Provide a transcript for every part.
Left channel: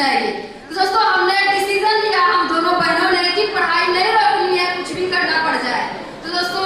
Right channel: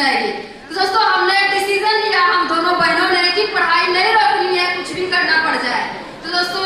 जाएगी। तो दोस्तों हमने डिसीजन लिया, हम दोनों बहनों ने, कि पढ़ाई नहीं रोकनी है, कुछ भी करना पड़ जाए। तो दोस्तों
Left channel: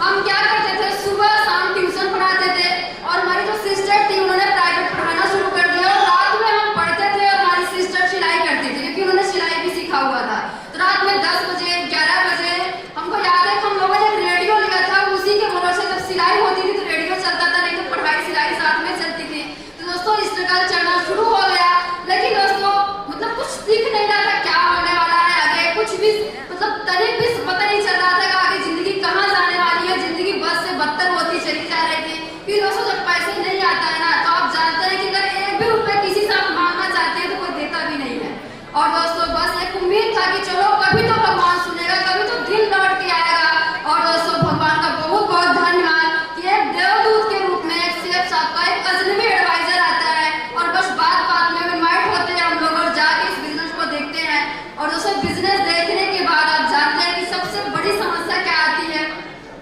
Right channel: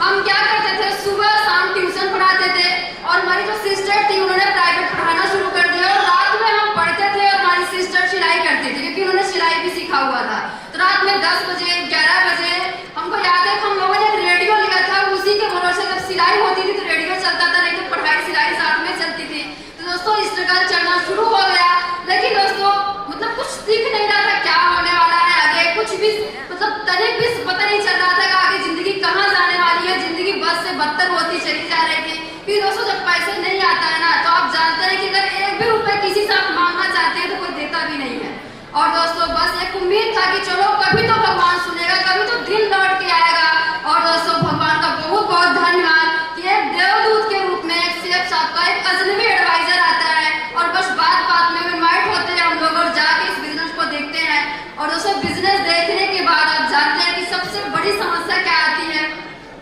हम क्या करते थे, सुबह शाम ट्यूशन पढ़ाते थे और हमारी जो सिस्टर थी उन्होंने प्राइवेट पढ़ाना शुरू कर दिया और रात में हम पढ़ते थे और हमारी सिस्टर सिलाई करती थी क्योंकि उन्होंने सिलाई भी सीखा हुआ था। तो रात में 10 बजे 11 बजे हमको याद है हम लोगों ने एक रेडियो लिया था, उसी के भरोसे जब सिलाई होती थी तो रेडियो चलता था, नहीं तो पढ़ाई सिलाई साथ में चलती थी। तो दोस्तों स्ट्रगल चलना शुरू हो गया, लेकिन दोस्तों मतलब कुछ दिख नहीं रहा था क्या होने वाला है आगे, कुछ भी मतलब तनिक भी पता नहीं चल रहा था कि आगे जिंदगी कहाँ जाने वाली है। जिंदगी बस से बदतर होती चली जा रही थी। फिर दोस्तों जब पैसे नहीं आता है ना तो आप जानते हैं कि अगर एक भी रुपए किसी से आप मांगना चाहते हैं तो कोई देता भी नहीं है। और दोस्तों बस एक उम्मीद था कि चलो कभी तो भगवान सुनेगा, कभी तो दिन लौट के आएगा। और दोस्तों भगवान का बहुत बहुत धन्यवाद कि एक देवदूत के रूप में एक शेख साहब का एक अजनबी एडवाइजर आता है और बस बात बात में इन्वाइट होते हैं हम लोग और जाके इस बिजनेस को देखते हैं। और दोस्तों बिजनेस देखने के बाद आप जानते हैं कि सबसे बड़ी समस्या क्या आती है,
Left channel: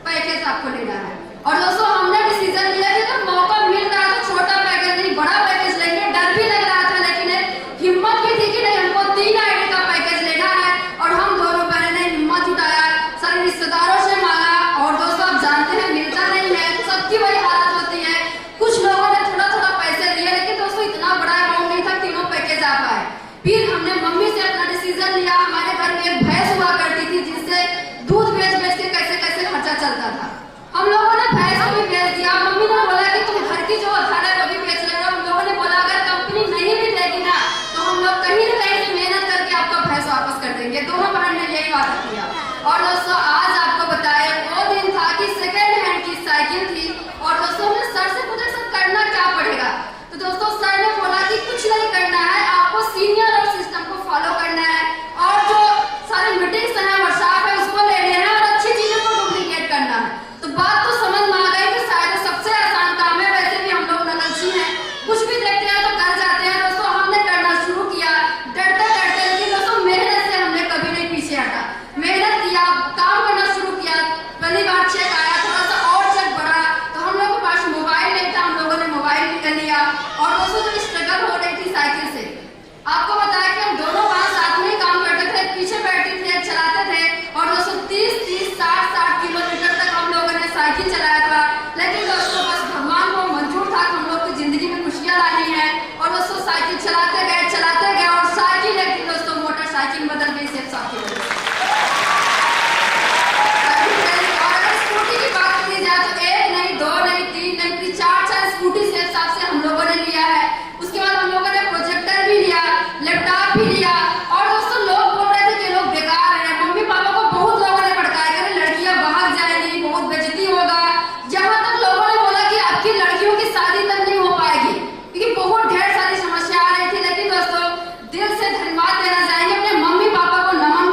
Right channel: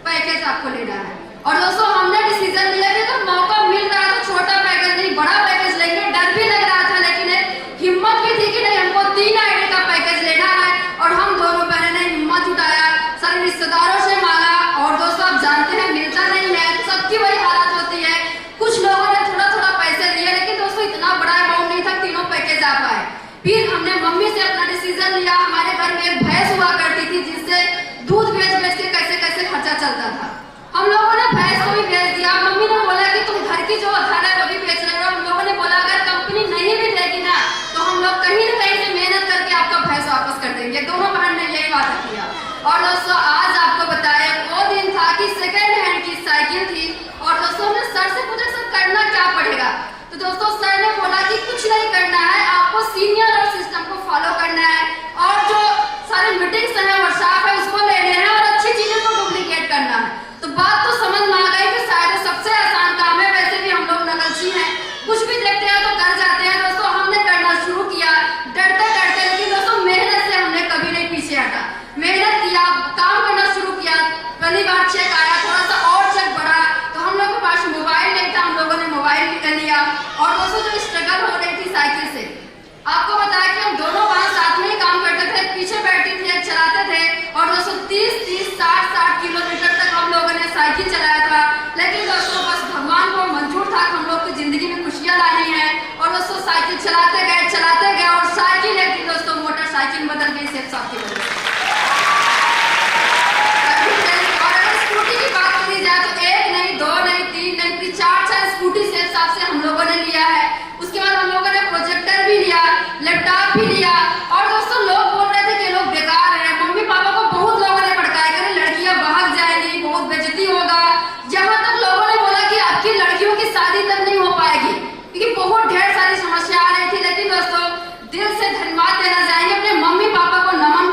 पैकेज आपको लेना है। और दोस्तों हमने डिसीजन लिया कि अगर मौका मिल रहा है तो छोटा पैकेज नहीं बड़ा पैकेज लेंगे। डर भी लग रहा था लेकिन हिम्मत भी थी कि नहीं हमको 3 आईडी का पैकेज लेना है। और हम दोनों बहनों ने हिम्मत जुटाया, सारे रिश्तेदारों से मांगा और दोस्तों आप जानते हैं मिलता नहीं है, सबकी वही हालत होती है। कुछ लोगों ने थोड़ा थोड़ा पैसे लिए लेकिन दोस्तों इतना बड़ा अमाउंट नहीं था तीनों पैकेज आ पाए। फिर हमने मम्मी से अपना डिसीजन लिया। हमारे घर में एक भैंस हुआ करती थी जिससे दूध बेच बेच के कैसे कैसे खर्चा चलता था। हम लोगों ने भैंस को भी बेच दिया। मम्मी ने बोला कि तुम घर की जो घर है वो भी बेच रहे हो। हम लोगों ने बोला अगर कंपनी नहीं भी देगी ना तो हम लोग कहीं न कहीं से मेहनत करके आपका भैंस वापस कर देंगे। दोनों बहन ने यही वादा किया। और दोस्तों आज आपको बताया वो दिन था कि सेकेंड हैंड की साइकिल थी। और दोस्तों हमने सर से पूछा सर करना क्या पड़ेगा, तो दोस्तों सर ने बोला कि कुछ नहीं करना है, आपको सीनियर और सिस्टम को फॉलो करना है और जो सारे मीटिंग्स हैं वर्कशॉप है उसको लेने हैं और अच्छी चीजों को डुप्लीकेट करना है। तो बात तो समझ में आ गई कि शायद सबसे आसान काम है। वैसे भी हम लोग नकलची हैं, कुछ भी देखते हैं तो कर जाते हैं। दोस्तों हमने करना शुरू किया डरते डरते, लेकिन दोस्तों मेहनत से हमने कभी नहीं पीछे हटा। मेहनत किया, काम करना शुरू किया। पहली बार चेक आया, थोड़ा सा और चेक बढ़ा तो हम लोग के पास मोबाइल नहीं था, हम लोगों ने मोबाइल निकल लिया। और दोस्तों जो स्ट्रगल हो रही थी साइकिल से, आपको बताया कि हम दोनों वहां साथ में ही काम करते थे, पीछे बैठे थे चलाते थे। और दोस्तों 30-30 60-60 किलोमीटर तक हम लोगों ने साइकिल चलाया था। लेकिन दोस्तों बस भगवान को मंजूर था कि हम लोग की जिंदगी में खुशियां लानी है। और दोस्तों साइकिल चलाते गए और साइकिल एक दिन दोस्तों मोटरसाइकिल बदल गई शेख साहब की वजह से। और अगर स्कूटी की बात करी जाए तो 1 नहीं 2 नहीं 3 नहीं फिर 4 स्कूटी शेख साहब से हम लोगों ने लिया है। उसके बाद हम लोगों ने प्रोजेक्टर भी लिया, लैपटॉप भी लिया। और दोस्तों लोग बोल रहे थे कि लोग बेकार हैं, मम्मी पापा को बहुत लोगों ने भड़काया कि लड़कियां भाग जाएंगी, बहुत बेइज्जती होगा। जहां तक लोगों ने बोला कि आपकी लड़कियों की शादी तक नहीं हो पाएगी क्योंकि बहुत ढेर सारी समस्या आ रही थी। लेकिन दोस्तों दिल से धन्यवाद देना चाहेंगे, अपने मम्मी पापा को नमन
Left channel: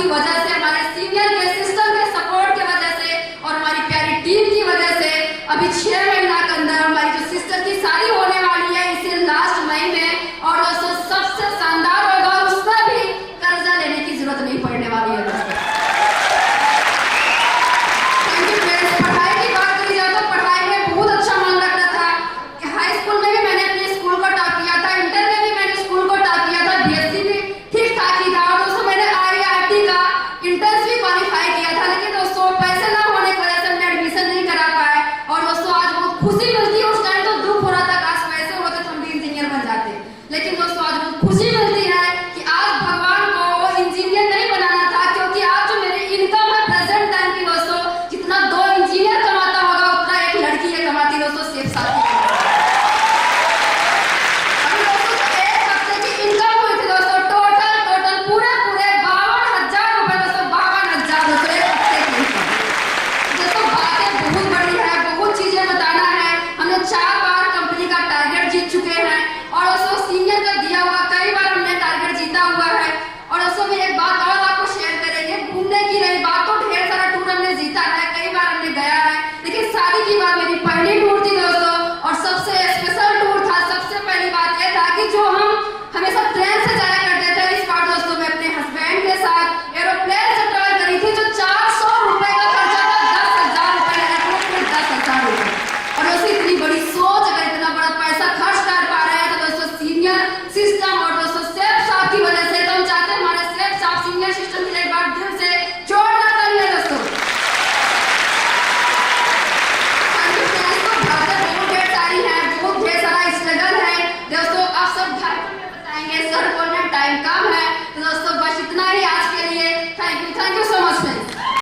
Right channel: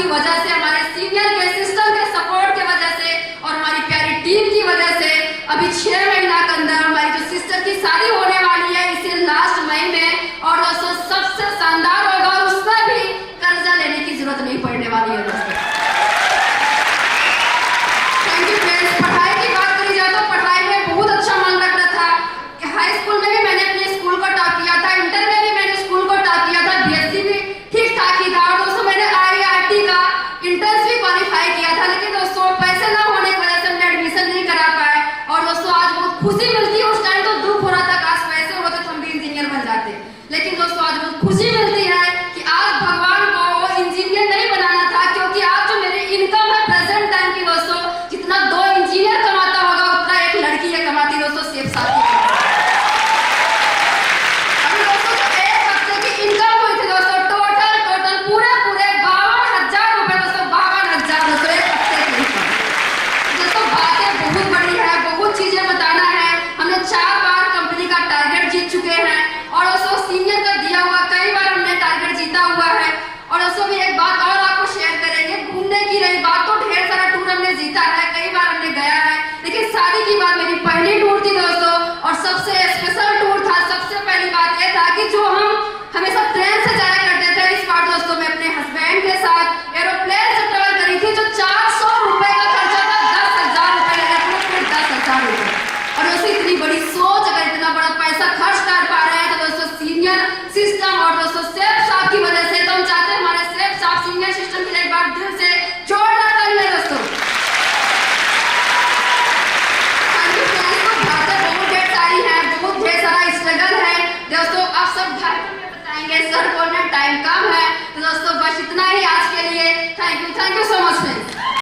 की वजह से, हमारे सीनियर के सिस्टर के सपोर्ट की वजह से और हमारी प्यारी टीम की वजह से अभी 6 महीना के अंदर हमारी जो सिस्टर की शादी होने वाली है इसे लास्ट मई में, और दोस्तों सबसे शानदार होगा, उसमें भी कर्जा लेने की जरूरत नहीं पड़ने वाली है।